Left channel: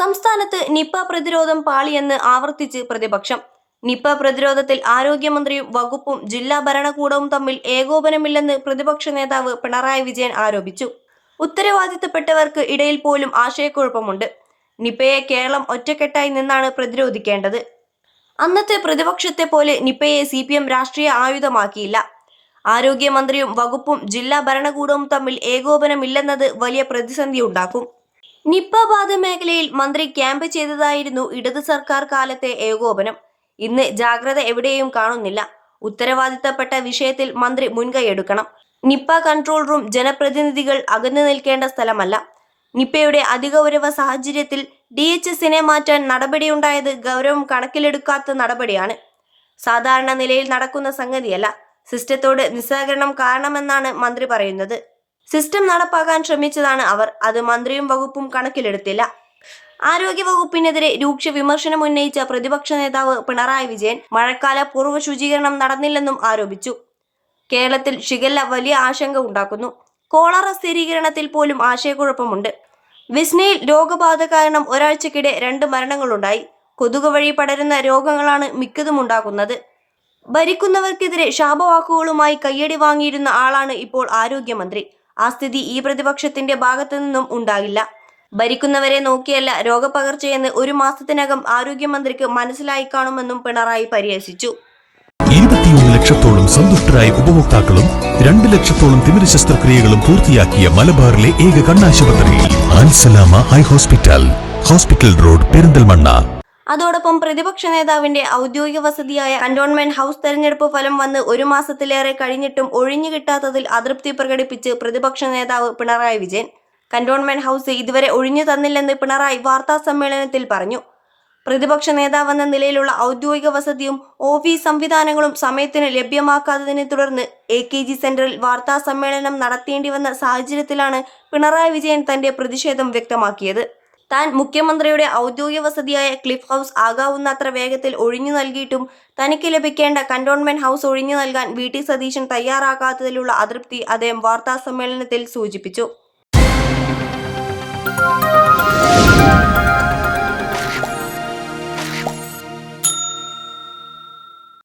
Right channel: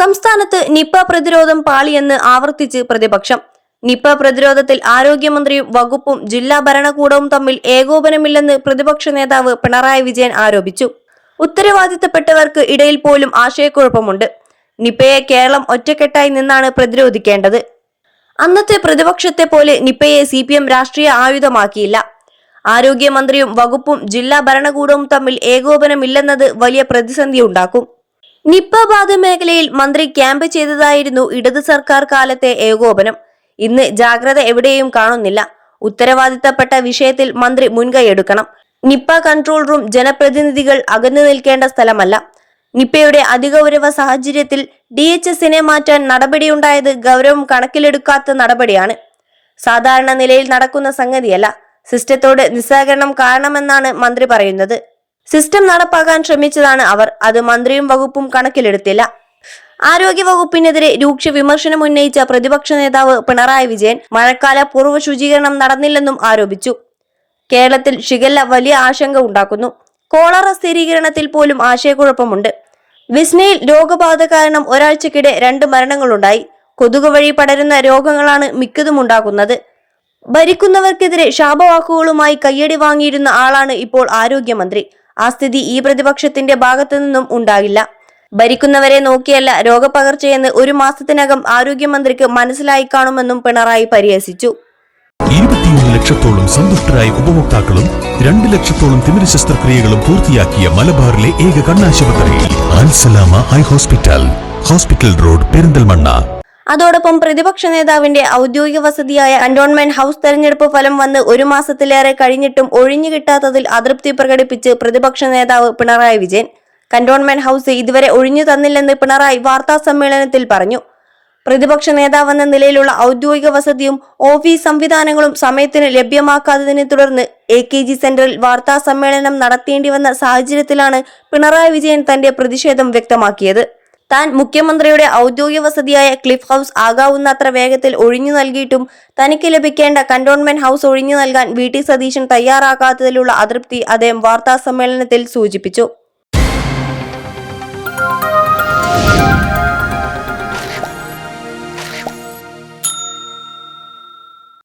സംസ്ഥാനത്ത് നിപ പ്രതിരോധം പാളിയെന്ന് ആവർത്തിച്ച് പ്രതിപക്ഷം. നിപ പ്രതിരോധത്തിൽ ആരോഗ്യമന്ത്രിയും വകുപ്പും ജില്ലാ ഭരണകൂടവും തമ്മിൽ ഏകോപനമില്ലെന്ന് പ്രതിപക്ഷ നേതാവ് പിണറായി വിജയൻ ആരോപിച്ചു. ഉത്തരവാദിത്തപ്പെട്ടവർക്ക് ഇടയിൽ പോലും ആശയക്കുഴപ്പമുണ്ട്. നിപയെ കേരളം ഒറ്റക്കെട്ടായി നിന്നാണ് പ്രതിരോധിക്കേണ്ടത്. അന്നത്തെ പ്രതിപക്ഷത്തെ പോലെ നിപയെ CPM രാഷ്ട്രീയ ആയുധമാക്കിയില്ല. ആരോഗ്യമന്ത്രിയും വകുപ്പും ജില്ലാ ഭരണകൂടവും തമ്മിൽ ഏകോപനമില്ലെന്നത് വലിയ പ്രതിസന്ധി ഉണ്ടാക്കും. നിപ ബാധ മേഖലയിൽ മന്ത്രി ക്യാമ്പ് ചെയ്തതായിരുന്നു ഇടത് സർക്കാർ കാലത്തെ ഏകോപനം. ഇന്ന് ജാഗ്രത എവിടെയും കാണുന്നില്ല. ഉത്തരവാദിത്തപ്പെട്ട വിഷയത്തിൽ മന്ത്രി മുൻകൈയെടുക്കണം. നിപ കൺട്രോൾ റൂം ജനപ്രതിനിധികൾ അകന്നു നിൽക്കേണ്ട സ്ഥലമല്ല. നിപയുടെ അതിഗൗരവ സാഹചര്യത്തിൽ DHSനെ മാറ്റാൻ നടപടിയുണ്ടായത് ഗൗരവം കണക്കിലെടുക്കാത്ത നടപടിയാണ്. സാധാരണ നിലയിൽ നടക്കുന്ന സംഗതിയല്ല. സിസ്റ്റത്തോട് നിസ്സഹകരണം കാരണമെന്നാണ് മന്ത്രി പറയുന്നത്. സിസ്റ്റം നടപ്പാക്കാൻ ശ്രമിച്ചതാണ് അവർ. അത് മന്ത്രിയും വകുപ്പും കണക്കിലെടുത്തില്ല. ആരോഗ്യ വകുപ്പിനെതിരെ രൂക്ഷ വിമർശനം ഉന്നയിച്ച പ്രതിപക്ഷ നേതാവ് പിണറായി വിജയൻ മഴക്കാല പൂർവ്വ ശുചീകരണം നടന്നില്ലെന്നും ആരോപിച്ചു. കേരളത്തിൽ ഷിഗല്ല വലിയ ആശങ്ക ഉണ്ടാക്കുന്നു. കോളറ സ്ഥിരീകരണത്തിൽ പോലും ആശയക്കുഴപ്പമുണ്ട്. വിസ്നയിൽ രോഗബാധ കാരണം ഒരാഴ്ചക്കിടെ 2 മരണങ്ങളുണ്ടായി. കൊതുക് വഴി പടരുന്ന രോഗങ്ങളാണ് മിക്കതും ഉണ്ടാക്കുന്നത്. ഭരിക്കുന്നവർക്കെതിരെ ശാപവാക്കുകളുമായി കയ്യടി വാങ്ങിയിരുന്ന ആളാണ് ഇപ്പോൾ ആരോഗ്യമന്ത്രി. ആ സ്ഥിതി ഈ പ്രതിപക്ഷത്തിന്റെ ഭാഗത്തു നിന്നും ഉണ്ടാകില്ല. ഭരിക്കുന്നവരെ നോക്കിയല്ല രോഗപകർച്ചയെന്ന് 1 മാസത്തിനകം ആരോഗ്യമന്ത്രിക്ക് മനസ്സിലായി കാണുമെന്നും പിണറായി പരിഹസിച്ചു. 21 ലക്ഷത്തോളം സന്തുഷ്ടരായ ഉപഭോക്താക്കളും 2 ലക്ഷത്തോളം തിമിര ശസ്ത്രക്രിയകളും പൂർത്തിയാക്കിയ മലബാറിലെ ഏക കണ്ണാശുപത്രി Al Salama high hospital, hospital road, Perinthalmanna. അതോടൊപ്പം പ്രതിപക്ഷ നേതാവിന്റെ ഔദ്യോഗിക വസതിയായ കന്റോൺമെന്റ് ഹൌസ് തെരഞ്ഞെടുപ്പ് ഫലം വന്ന് 1 മാസത്തിലേറെ കഴിഞ്ഞിട്ടും ഒഴിഞ്ഞു കിട്ടാത്തതിൽ അതൃപ്തി പ്രകടിപ്പിച്ച് പ്രതിപക്ഷ നേതാവ് പിണറായി വിജയൻ. കന്റോൺമെന്റ് ഹൌസ് ഇതുവരെ ഒഴിഞ്ഞു തന്നില്ലെന്ന് പിണറായി വാർത്താ സമ്മേളനത്തിൽ പറഞ്ഞു. പ്രതിപക്ഷ നേതാവെന്ന നിലയിലുള്ള ഔദ്യോഗിക വസതിയും ഓഫീസ് സംവിധാനങ്ങളും സമയത്തിന് ലഭ്യമാക്കാത്തതിനെ തുടർന്ന് AKG സെന്ററിൽ വാർത്താ സമ്മേളനം നടത്തേണ്ടി വന്ന സാഹചര്യത്തിലാണ് പിണറായി വിജയൻ തന്റെ പ്രതിഷേധം വ്യക്തമാക്കിയത്. താൻ മുഖ്യമന്ത്രിയുടെ ഔദ്യോഗിക വസതിയായ ക്ലിഫ് ഹൌസ് ആകാവുന്നത്ര വേഗത്തിൽ ഒഴിഞ്ഞു നൽകിയിട്ടും തനിക്ക് ലഭിക്കേണ്ട കന്റോൺമെന്റ് ഹൌസ് ഒഴിഞ്ഞു നൽകാൻ VT സതീശൻ തയ്യാറാക്കാത്തതിലുള്ള അതൃപ്തി അദ്ദേഹം വാർത്താ സമ്മേളനത്തിൽ സൂചിപ്പിച്ചു.